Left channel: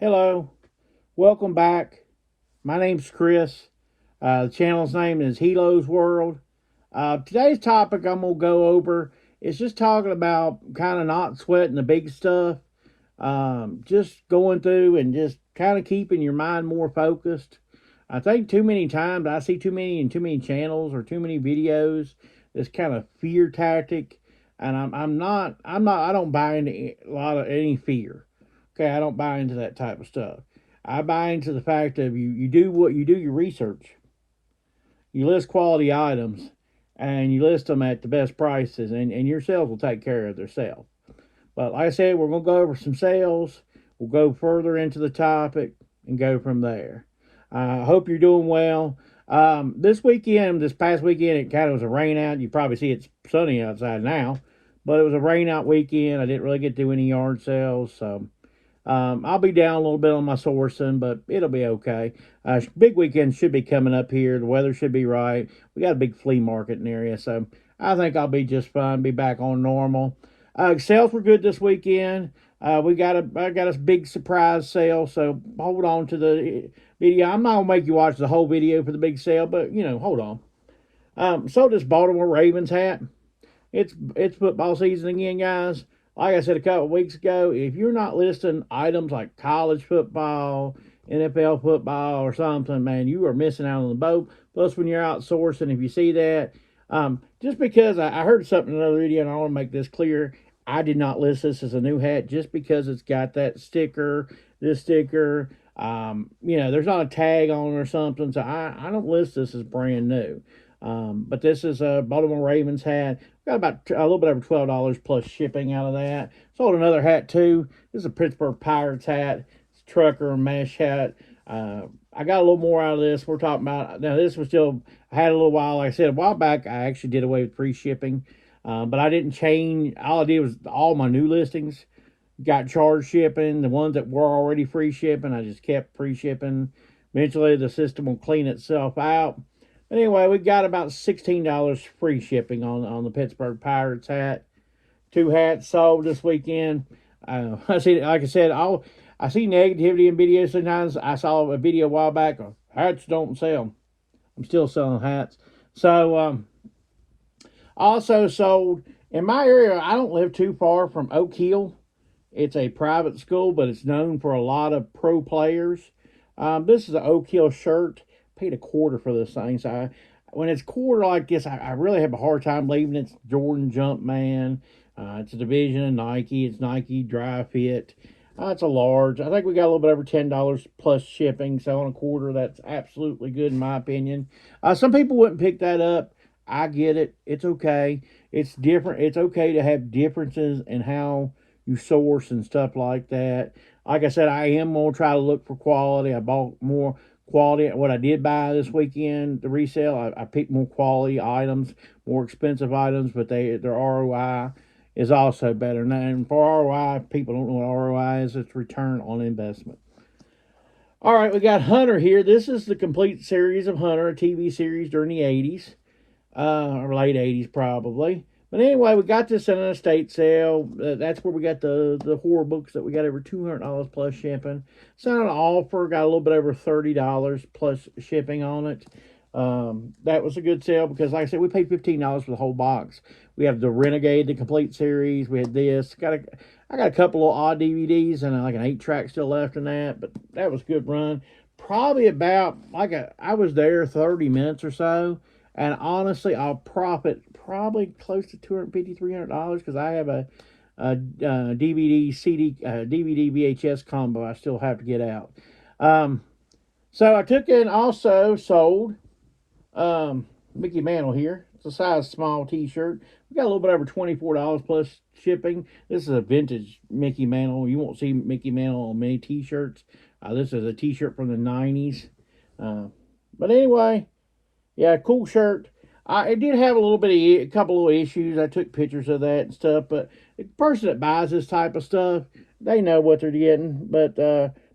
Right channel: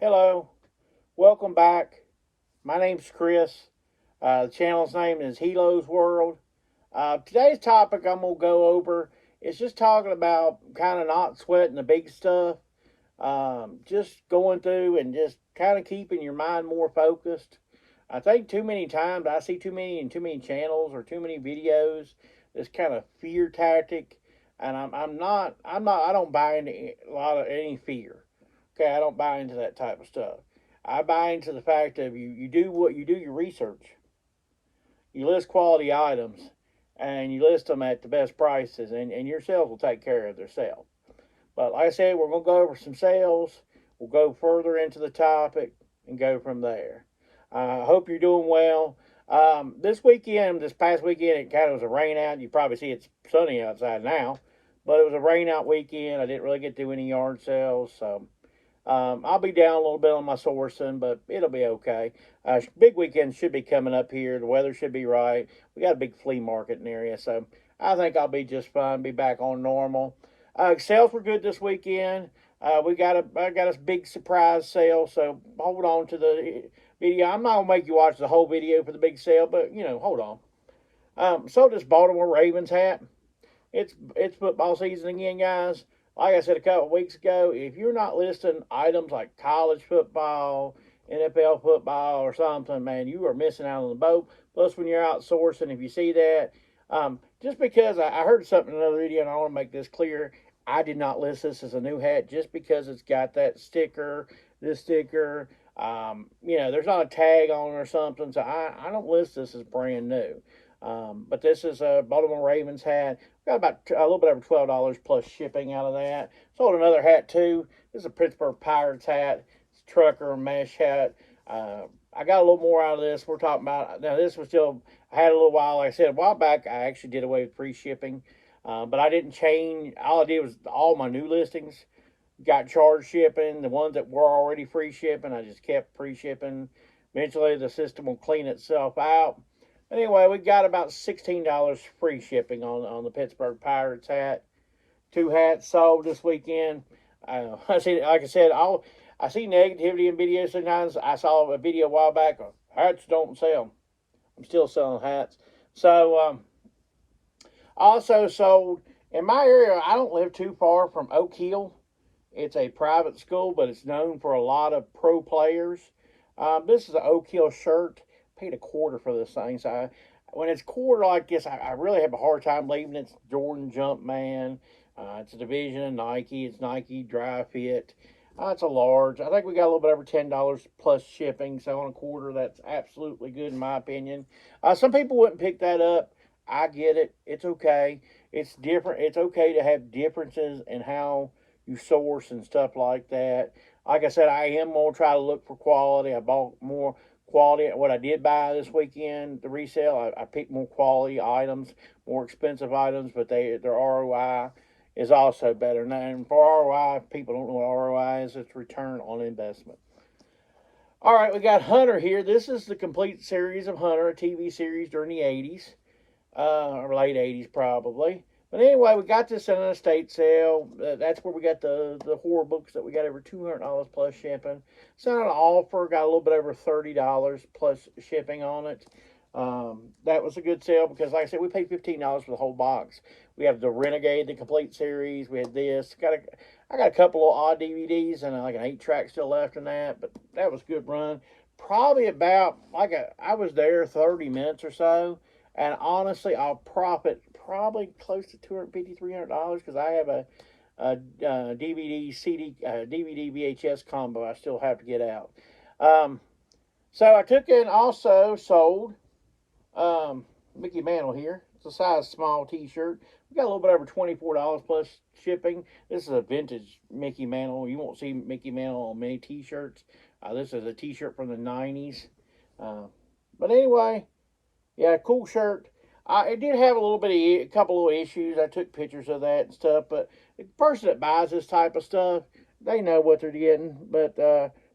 Hello, welcome back. My name's Chris. The channel's name is Helo's World. Today's topic I'm going to go over is just talking about kind of not sweating the big stuff, just going through and just kind of keeping your mind more focused. I think too many times I see too many channels or too many videos. This kind of fear tactic, and I don't buy into a lot of any fear. Okay, I don't buy into that type of stuff. I buy into the fact of you do what you do your research. You list quality items, and you list them at the best prices, and your sales will take care of themselves. But like I said, we're going to go over some sales. We'll go further into the topic and go from there. I hope you're doing well. This past weekend, it kind of was a rain out. You probably see it's sunny outside now, but it was a rain out weekend. I didn't really get to do any yard sales, so I'll be down a little bit on my sourcing, but it'll be okay. Big weekend should be coming up here. The weather should be right. We got a big flea market in the area, so I think I'll be just fine. Be back on normal. Sales were good this weekend. I got a big surprise sale, so hold on to the video. I'm not gonna make you watch the whole video for the big sale, but hold on. Sold this Baltimore Ravens hat. It's football season again, guys. Like I said a couple of weeks ago, if you're not listing items like college football, NFL football, or something, man, you are missing out on the boat. Plus, when you're outsourcing, if you see that, just because I heard something in another video, and I want to make this clear, I did not list this as a new hat just because it's got that sticker, this sticker. There's not a tag on it or something, so I don't list this as brand new. But this is a Baltimore Ravens hat. Got about a little bit over $12 plus shipping out of that. Sold another hat too. This is a Pittsburgh Pirates hat. It's a trucker mesh hat. I got a little more out of this. We're talking about now. This was still I had a little while. Like I said a while back, I actually did away with free shipping, but I didn't change. All I did was all my new listings got charged shipping. The ones that were already free shipping, I just kept free shipping. Eventually, the system will clean itself out. Anyway, we got about $16 free shipping on the Pittsburgh Pirates hat. Two hats sold this weekend. I see, like I said, I see negativity in videos sometimes. I saw a video a while back of hats don't sell. I'm still selling hats. So, also sold in my area. I don't live too far from Oak Hill. It's a private school, but it's known for a lot of pro players. This is an Oak Hill shirt. Paid a quarter for this thing. So when it's quarter like this, I really have a hard time believing it's Jordan Jumpman. It's a division of Nike. It's Nike Dry Fit. It's a large. I think we got a little bit over $10 plus shipping. So on a quarter, that's absolutely good in my opinion. Some people wouldn't pick that up. I get it. It's okay. It's different. It's okay to have differences in how you source and stuff like that. Like I said, I am gonna try to look for quality. I bought more quality. What I did buy this weekend, the resale, I picked more quality items, more expensive items, but their ROI is also better. And for ROI, if people don't know what ROI is, it's return on investment. All right, we got Hunter here. This is the complete series of Hunter, a TV series during the 80s, or late 80s probably. But anyway, we got this in an estate sale. That's where we got the horror books that we got over $200 plus shipping. Sent an offer, got a little bit over $30 plus shipping on it. That was a good sale because, like I said, we paid $15 for the whole box. We have the Renegade, the complete series. We had this. I got a couple of odd DVDs and like an 8-track still left in that, but that was a good run. Probably about I was there 30 minutes or so, and honestly, I'll profit probably close to $250, $300 because I have a DVD CD DVD VHS combo I still have to get out. Um, so I took in also sold Mickey Mantle here. It's a size small T-shirt. We got a little bit over $24 plus shipping. This is a vintage Mickey Mantle. You won't see Mickey Mantle on many T-shirts. This is a T-shirt from the '90s. Uh, but anyway, yeah, cool shirt. It did have a couple of issues. I took pictures of that and stuff. But the person that buys this type of stuff, they know what they're getting. But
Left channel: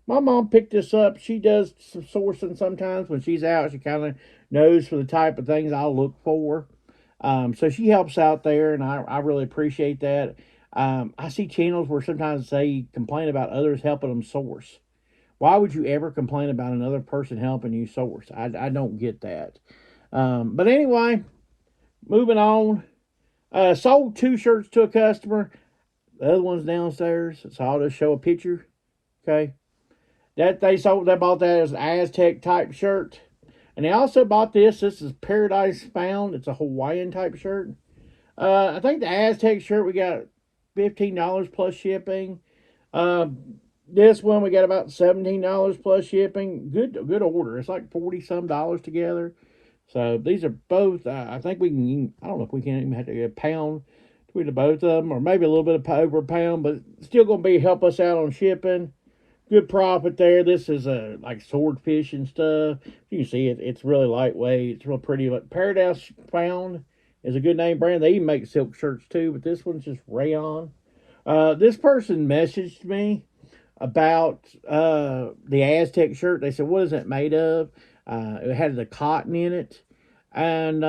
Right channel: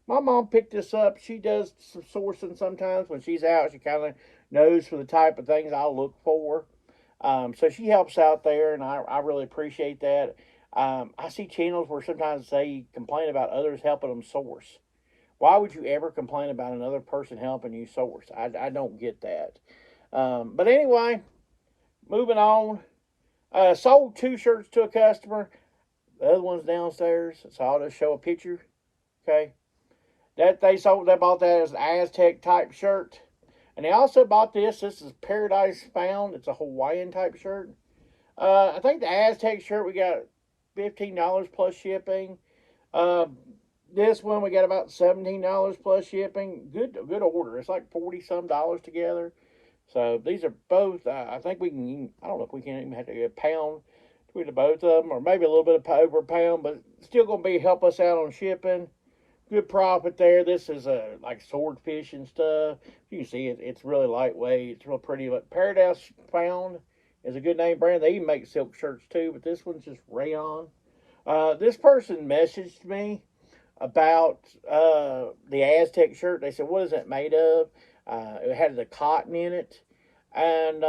my mom picked this up. She does some sourcing sometimes when she's out. She kind of knows for the type of things I'll look for. So she helps out there, and I really appreciate that. I see channels where sometimes they complain about others helping them source. Why would you ever complain about another person helping you source? I don't get that. But anyway, moving on. Sold 2 shirts to a customer. The other one's downstairs, so I'll just show a picture. Okay, that they bought that as an Aztec type shirt, and they also bought this. This is Paradise Found. It's a Hawaiian type shirt. I think the Aztec shirt we got $15 plus shipping. Uh, this one we got about $17 plus shipping. Good order. It's like 40 some dollars together. So these are both. I think we can. I don't know if we can even have to get a pound between the both of them, or maybe a little bit of over a pound, but still going to be help us out on shipping. Good profit there. This is like swordfish and stuff. You can see it's really lightweight. It's real pretty. But Paradise Found is a good name brand. They even make silk shirts too, but this one's just rayon. This person messaged me about the Aztec shirt. They said, "What is it made of?" It had the cotton in it, and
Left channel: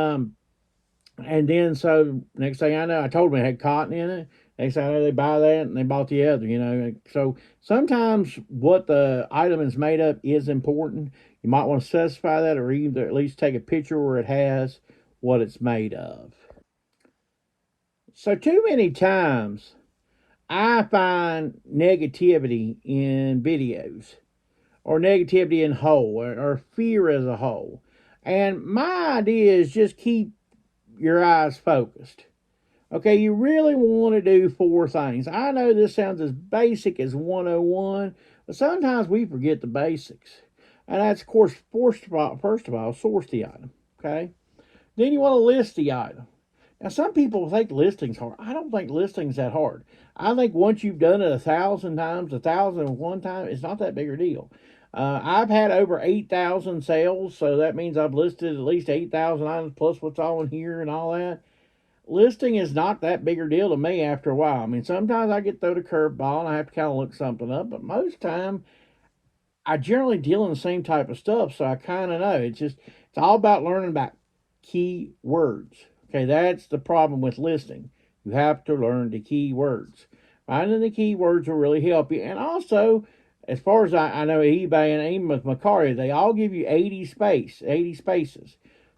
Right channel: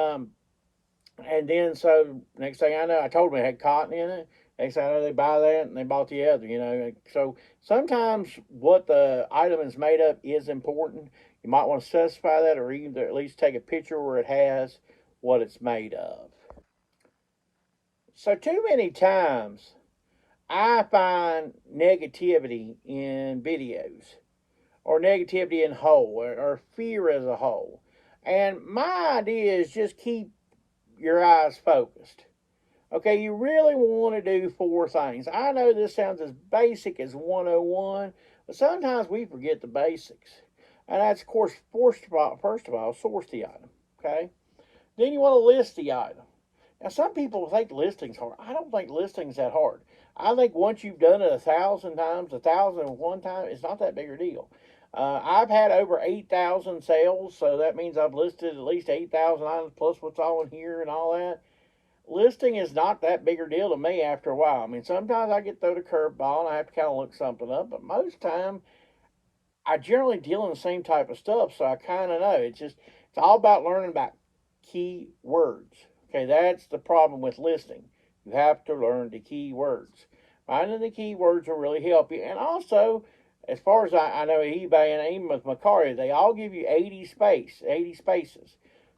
then so next thing I know, I told them it had cotton in it. Next thing I know, they buy that and they bought the other. So sometimes what the item is made of is important. You might want to specify that, or either at least take a picture where it has what it's made of. So too many times I find negativity in videos, or negativity in whole, or fear as a whole. And my idea is just keep your eyes focused. Okay, you really want to do 4 things. I know this sounds as basic as 101, but sometimes we forget the basics. And that's, of course, first of all, source the item. Okay? Then you want to list the item. Now, some people think listing's hard. I don't think listing's that hard. I think once you've done it 1,000 times, 1,001 times, it's not that big a deal. I've had over 8,000 sales, so that means I've listed at least 8,000 items plus what's on here and all that. Listing is not that big a deal to me after a while. I mean, sometimes I get thrown a curveball and I have to kind of look something up, but most time I generally deal in the same type of stuff, so I kind of know. It's all about learning about key words. Okay, that's the problem with listing. You have to learn the key words. Finding the key words will really help you. And also, as far as I know, eBay and even with Mercari, they all give you 80 spaces.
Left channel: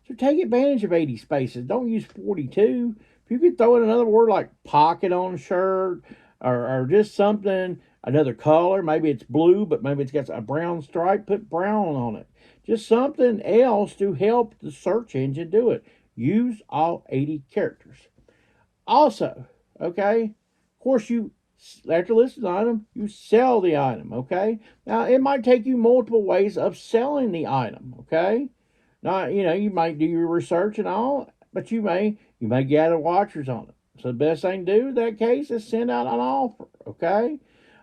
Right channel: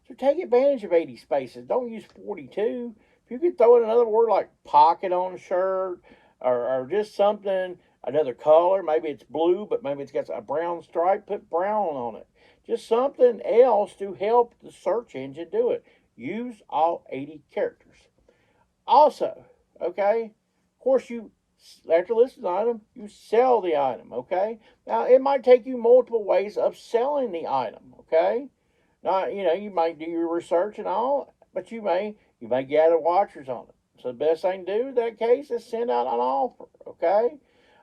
So take advantage of 80 spaces. Don't use 42. If you could throw in another word like pocket on a shirt, or just something, another color, maybe it's blue, but maybe it's got a brown stripe, put brown on it. Just something else to help the search engine do it. Use all 80 characters. Also, okay, of course, you after listing the item, you sell the item, okay? Now, it might take you multiple ways of selling the item, okay? Now, you might do your research and all, but you may gather watchers on it. So the best thing to do in that case is send out an offer, okay?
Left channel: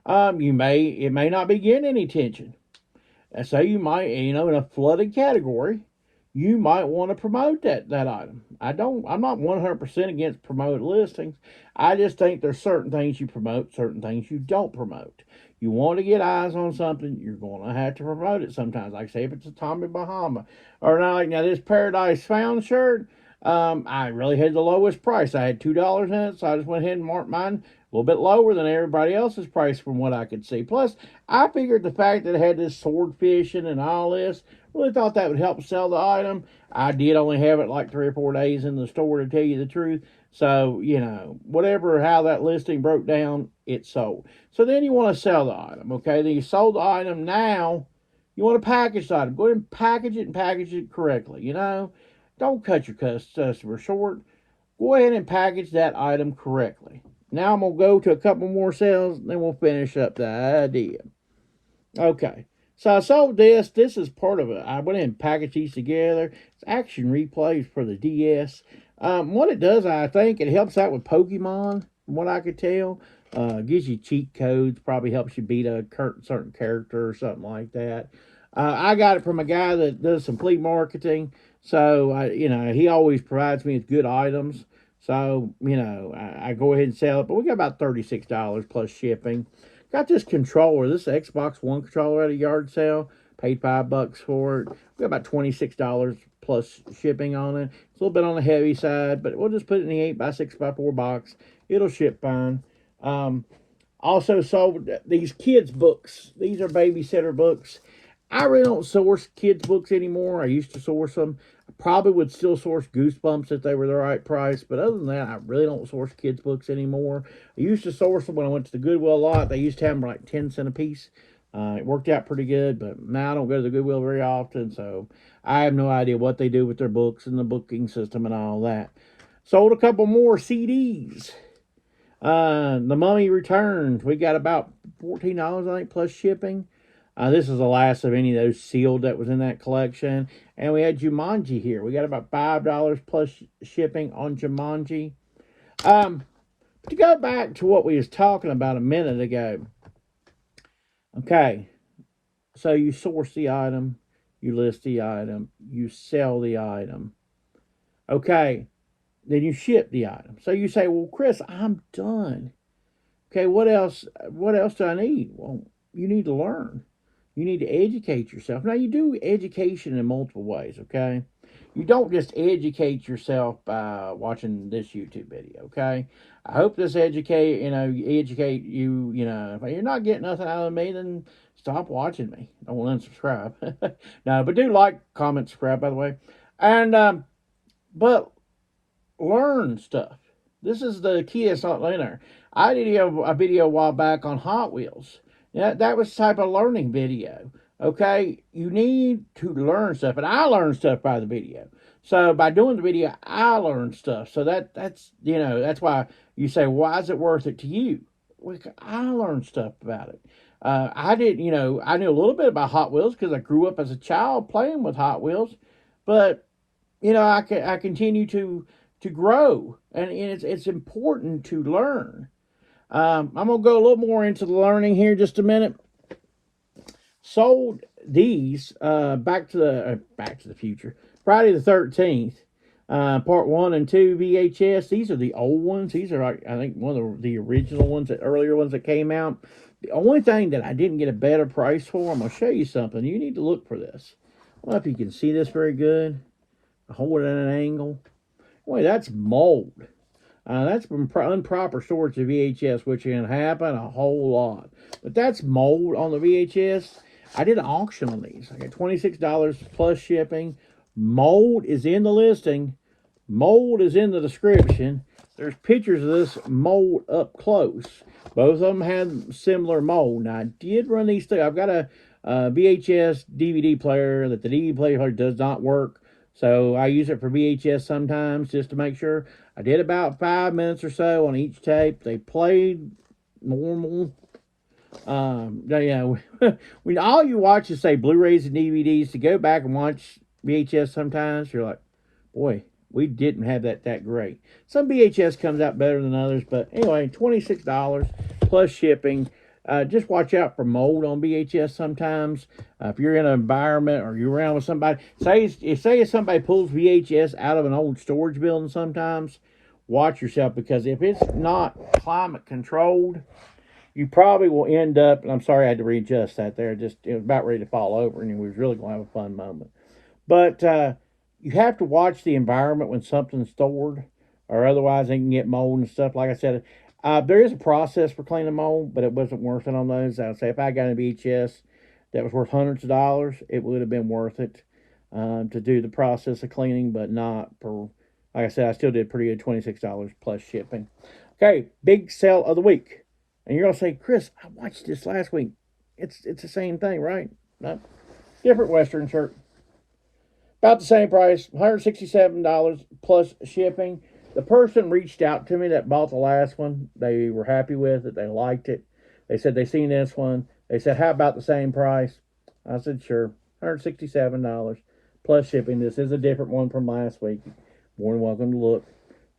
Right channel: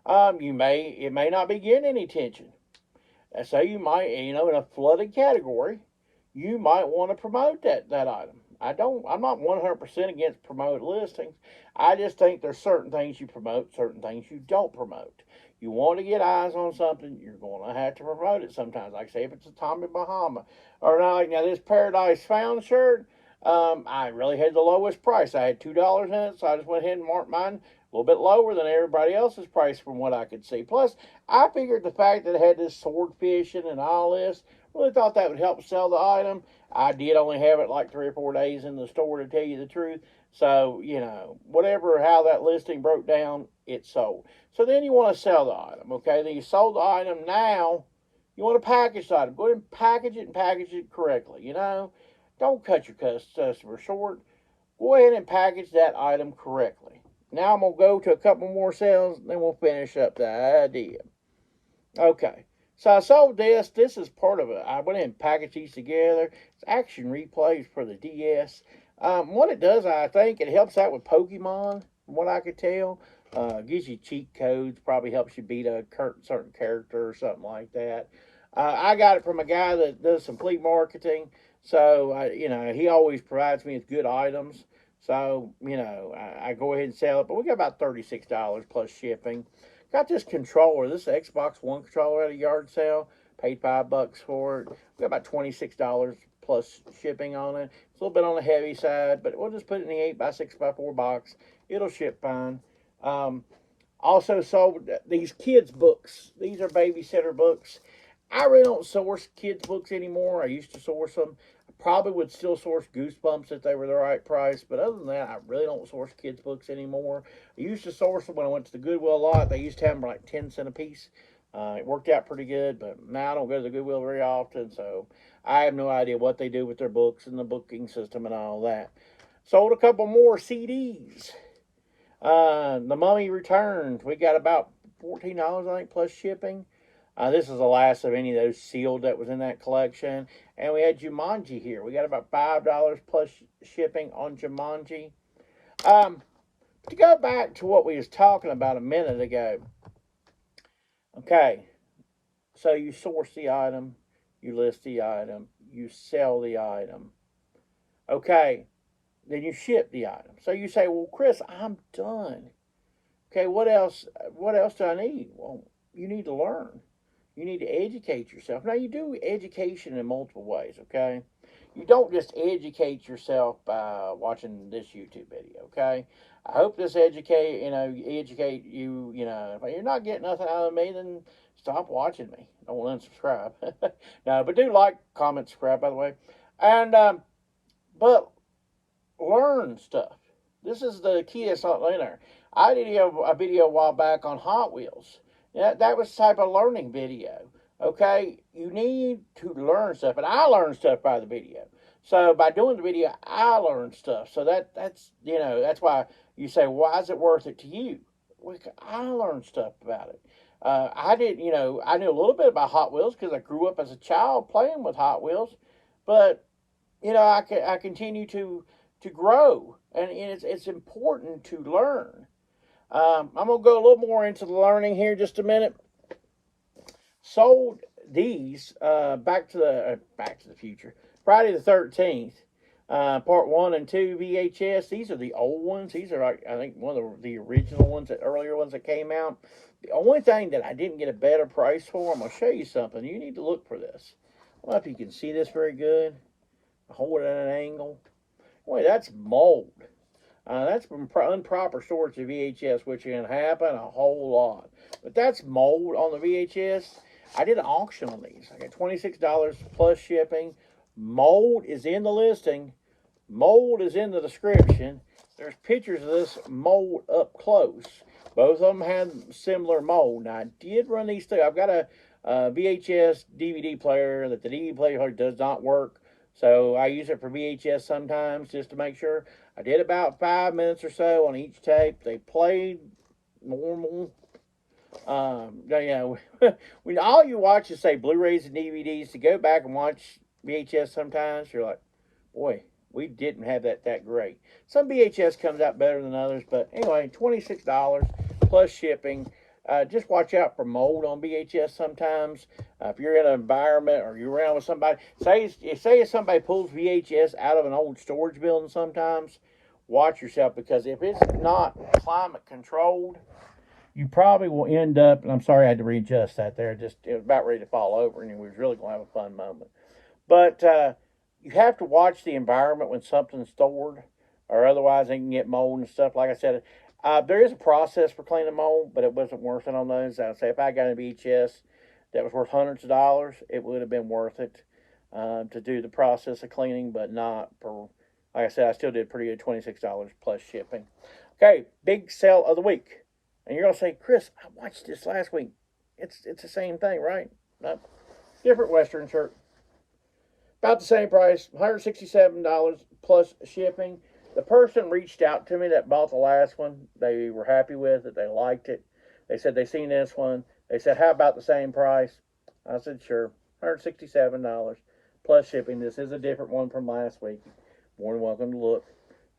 It may not be getting any attention. So you might, in a flooded category, you might want to promote that item. I'm not 100% against promote listings. I just think there's certain things you promote, certain things you don't promote. You want to get eyes on something, you're going to have to promote it sometimes. Like, say, if it's a Tommy Bahama, or now this Paradise Found shirt, I really had the lowest price. I had $2 in it, so I just went ahead and marked mine a little bit lower than everybody else's price from what I could see. Plus, I figured the fact that it had this sword fishing and all this, really thought that would help sell the item. I did only have it like 3 or 4 days in the store, to tell you the truth. So, whatever, how that listing broke down, it sold. So then you want to sell the item, okay? Then you sold the item. Now you want to package the item. Go ahead and package it correctly, Don't cut your customer short. Go ahead and package that item correctly. Now I'm going to go to a couple more sales, then we'll finish up the idea. Okay. So I sold this. This is part of it. I went ahead and packaged these together. It's action replays for the DS. What it does, I think, it helps out with Pokemon, from what I could tell. Gives you cheat codes, probably helps you beat a certain character or something like that. I got it from a guy that does some flea marketing. So, he always provides me with good items. So, I go ahead and sell it. But we got about $36 plus shipping. Got this controller. This is Xbox One controller at a yard sale. Paid $5 for it. We got about $26 plus shipping on it. It's a little bit on the heavy side, but we'll just put it in the 8x6x4 box. It'll ship fine. Also sold these kids books. These are babysitter books. I really don't source kids books anymore. I used to source them. I probably would still source Goosebumps if they were the right price, but other than that, I really don't source kids books anymore. I used to source them when I went to the Goodwill a lot. They used to have them like 10 cents a piece. It worked out pretty good, but now I don't go to the Goodwill very often, so I have no idea what they do with their books and the booking system and all that. Sold a couple more CDs. The Mummy Returns. We got about $14, I think, plus shipping. This is the last of any of those sealed that was in that collection. And we had Jumanji here. We got about $5 plus shipping on Jumanji. To go back to what we was talking about a minute ago. Okay, so you source the item, you list the item, you sell the item. Okay, then you ship the item. So you say, well, Chris, I'm done. Okay, what else? What else do I need? Well, you need to learn. You need to educate yourself. Now, you do education in multiple ways, okay? You don't just educate yourself by watching this YouTube video, okay? I hope this educate you, if you're not getting nothing out of me, then stop watching me. Don't unsubscribe. No, but do like, comment, subscribe, by the way. And, but learn stuff. This is the key that's not in there. I did a video a while back on Hot Wheels. Yeah, that was type of learning video. Okay, you need to learn stuff, and I learned stuff by the video. So by doing the video, I learned stuff. So that's why you say, why is it worth it to you? Well, I learned stuff about it. I knew a little bit about Hot Wheels because I grew up as a child playing with Hot Wheels, but I continue to grow, and it's important to learn. I'm gonna go a little more into the learning here just a minute. Sold these Back to the Future, Friday the 13th, part 1 and 2 VHS. These are the old ones. These are like, I think one of the original ones, the earlier ones that came out. The only thing that I didn't get a better price for, I'm gonna show you something. You need to look for this. I don't know if you can see this very good. I hold it at an angle. Boy, that's mold. That's from improper storage of VHS, which can happen a whole lot. But that's mold on the VHS. I did an auction on these. I got $26 plus shipping. Mold is in the listing. Mold is in the description. There's pictures of this mold up close. Both of them had similar mold. Now, I did run these through. I've got a VHS DVD player that the DVD player does not work. So I use it for VHS sometimes just to make sure. I did about 5 minutes or so on each tape. They played normal. When all you watch is, say, Blu-rays and DVDs, to go back and watch VHS sometimes, you're like, boy, we didn't have that great. Some VHS comes out better than others, but anyway, $26 plus shipping. Just watch out for mold on VHS sometimes. If you're in an environment or you're around with somebody, say if somebody pulls VHS out of an old storage building sometimes, watch yourself, because if it's not climate controlled, you probably will end up, and I'm sorry I had to readjust that there, it was about ready to fall over, and we was really going to have a fun moment. But you have to watch the environment when something's stored, or otherwise they can get mold and stuff. Like I said, there is a process for cleaning mold, but it wasn't worth it on those. I'd say if I got a VHS that was worth hundreds of dollars, it would have been worth it to do the process of cleaning, but not for, like I said, I still did pretty good, $26 plus shipping. Okay, big sale of the week. And you're going to say, Chris, I watched this last week. It's the same thing, right? Nope. Different Western shirt. About the same price, $167 plus shipping. The person reached out to me that bought the last one. They were happy with it. They liked it. They said they seen this one. They said, how about the same price? I said, sure. $167 plus shipping. This is a different one from last week. More than welcome to look.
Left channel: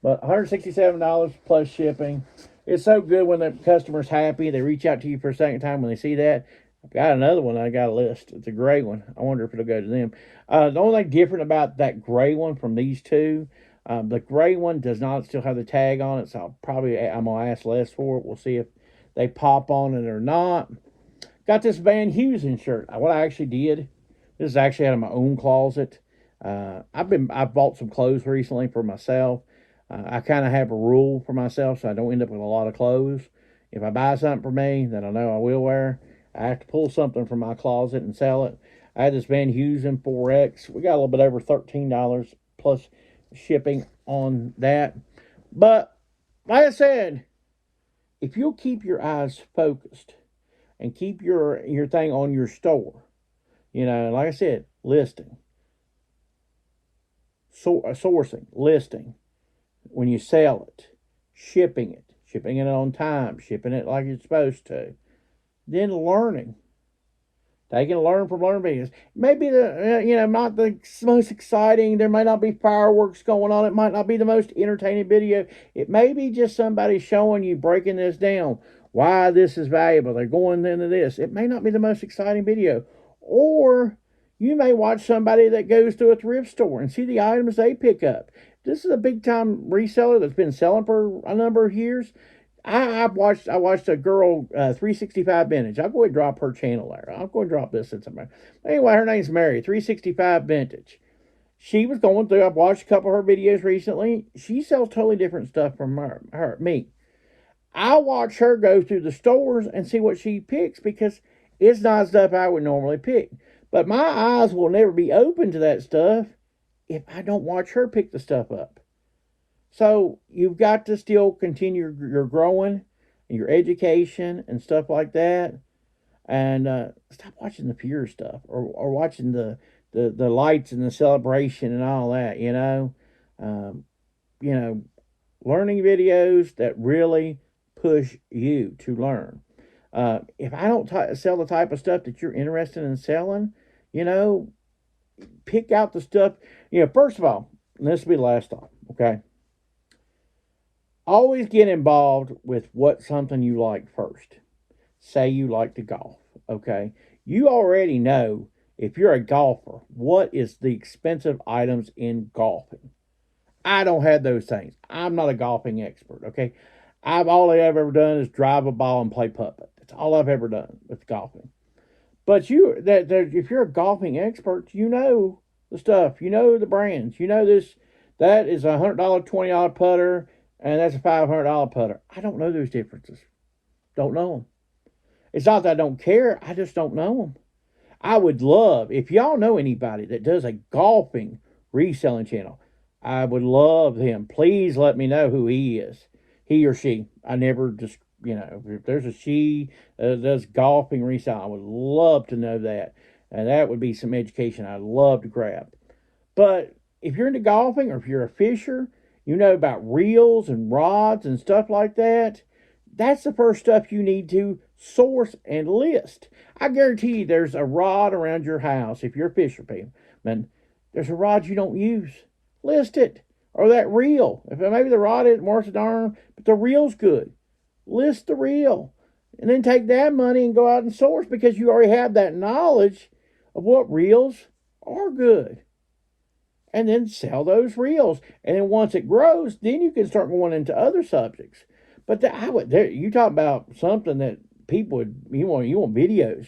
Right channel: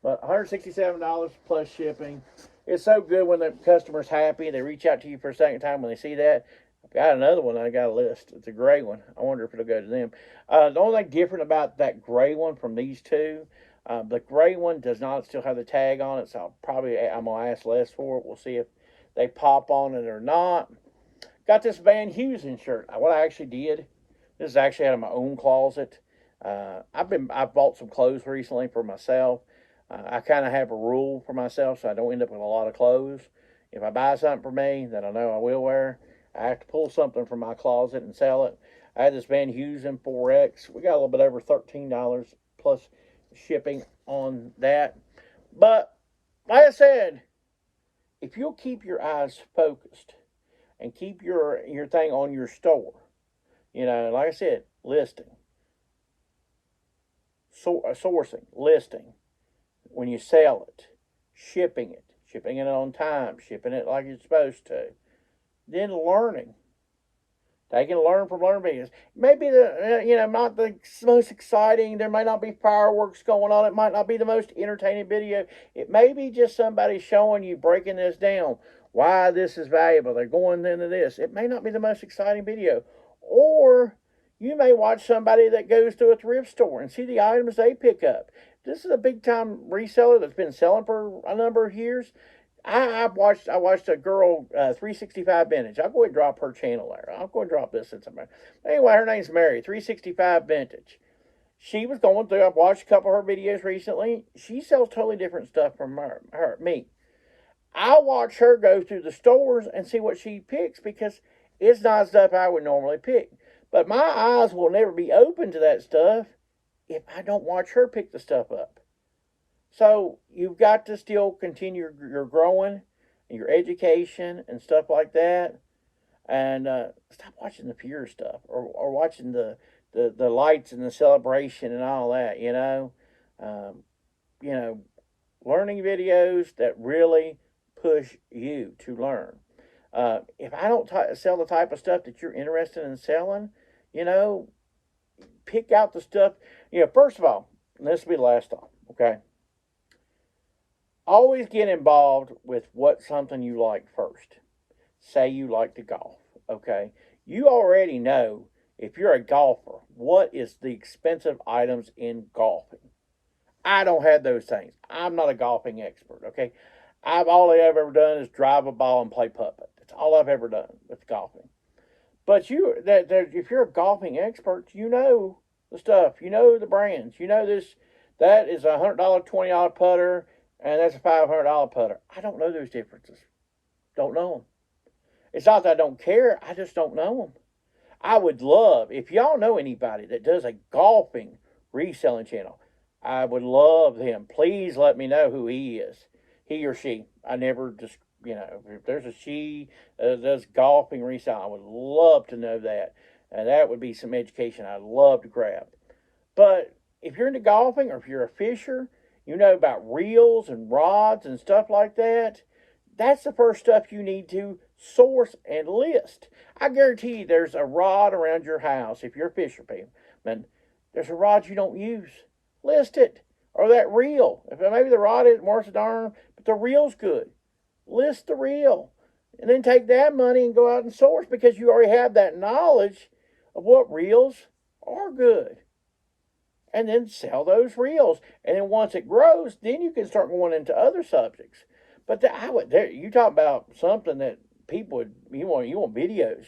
But $167 plus shipping. It's so good when the customer's happy. They reach out to you for a second time when they see that. I've got another one I got a list. It's a gray one. I wonder if it'll go to them. The only thing different about that gray one from these two, the gray one does not still have the tag on it, so I'm going to ask less for it. We'll see if they pop on it or not. Got this Van Heusen shirt. What I actually did, this is actually out of my own closet. I've bought some clothes recently for myself. I kind of have a rule for myself so I don't end up with a lot of clothes If I buy something for me that I know I will wear, I have to pull something from my closet and sell it. I had this Van Heusen 4X. We got a little bit over $13 plus shipping on that. But like I said, if you'll keep your eyes focused and keep your thing on your store, like I said, listing, sourcing, listing, when you sell it, shipping it on time, shipping it like it's supposed to, then learning. They can learn from learning videos. Maybe not the most exciting. There might not be fireworks going on. It might not be the most entertaining video. It may be just somebody showing you, breaking this down, why this is valuable. They're going into this. It may not be the most exciting video. Or you may watch somebody that goes to a thrift store and see the items they pick up. This is a big time reseller that's been selling for a number of years. I watched a girl 365 Vintage. I'll go ahead and drop her channel there. I'll go ahead and drop this in somewhere. Anyway, her name's Mary, 365 Vintage. She was going through, I've watched a couple of her videos recently. She sells totally different stuff from me. I watch her go through the stores and see what she picks because it's not stuff I would normally pick. But my eyes will never be open to that stuff if I don't watch her pick the stuff up. So you've got to still continue your growing and your education and stuff like that. And stop watching the pure stuff or watching the lights and the celebration and all that, learning videos that really push you to learn. If I don't sell the type of stuff that you're interested in selling, pick out the stuff. First of all, and this will be the last time, okay? Always get involved with what something you like first. Say you like to golf, okay? You already know, if you're a golfer, what is the expensive items in golfing. I don't have those things. I'm not a golfing expert, okay? All I've ever done is drive a ball and play putt-putt. That's all I've ever done with golfing. But if you're a golfing expert, you know the stuff. You know the brands. You know this. That is a $100, $20 putter, and that's a $500 putter. I don't know those differences. Don't know them. It's not that I don't care. I just don't know them. I would love, if y'all know anybody that does a golfing reselling channel, I would love them. Please let me know who he is. He or she. I never just, if there's a she that does golfing reselling, I would love to know that. And that would be some education I'd love to grab. But if you're into golfing or if you're a fisher, you know about reels and rods and stuff like that, that's the first stuff you need to source and list. I guarantee you there's a rod around your house. If you're a fisherman, there's a rod you don't use. List it. Or that reel. If maybe the rod isn't worth a darn, but the reel's good. List the reel. And then take that money and go out and source because you already have that knowledge of what reels are good. And then sell those reels. And then once it grows, then you can start going into other subjects. But you talk about something that people you want videos.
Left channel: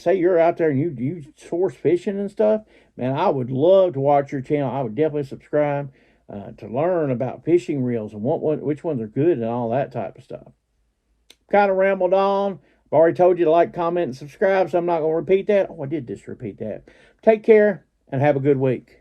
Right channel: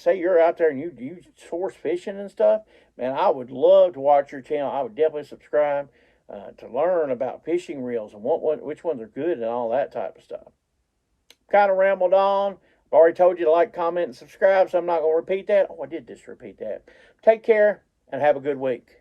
Say you're out there and you source fishing and stuff. Man, I would love to watch your channel. I would definitely subscribe to learn about fishing reels and which ones are good and all that type of stuff. Kind of rambled on. I've already told you to like, comment, and subscribe, so I'm not going to repeat that. Oh, I did just repeat that. Take care and have a good week.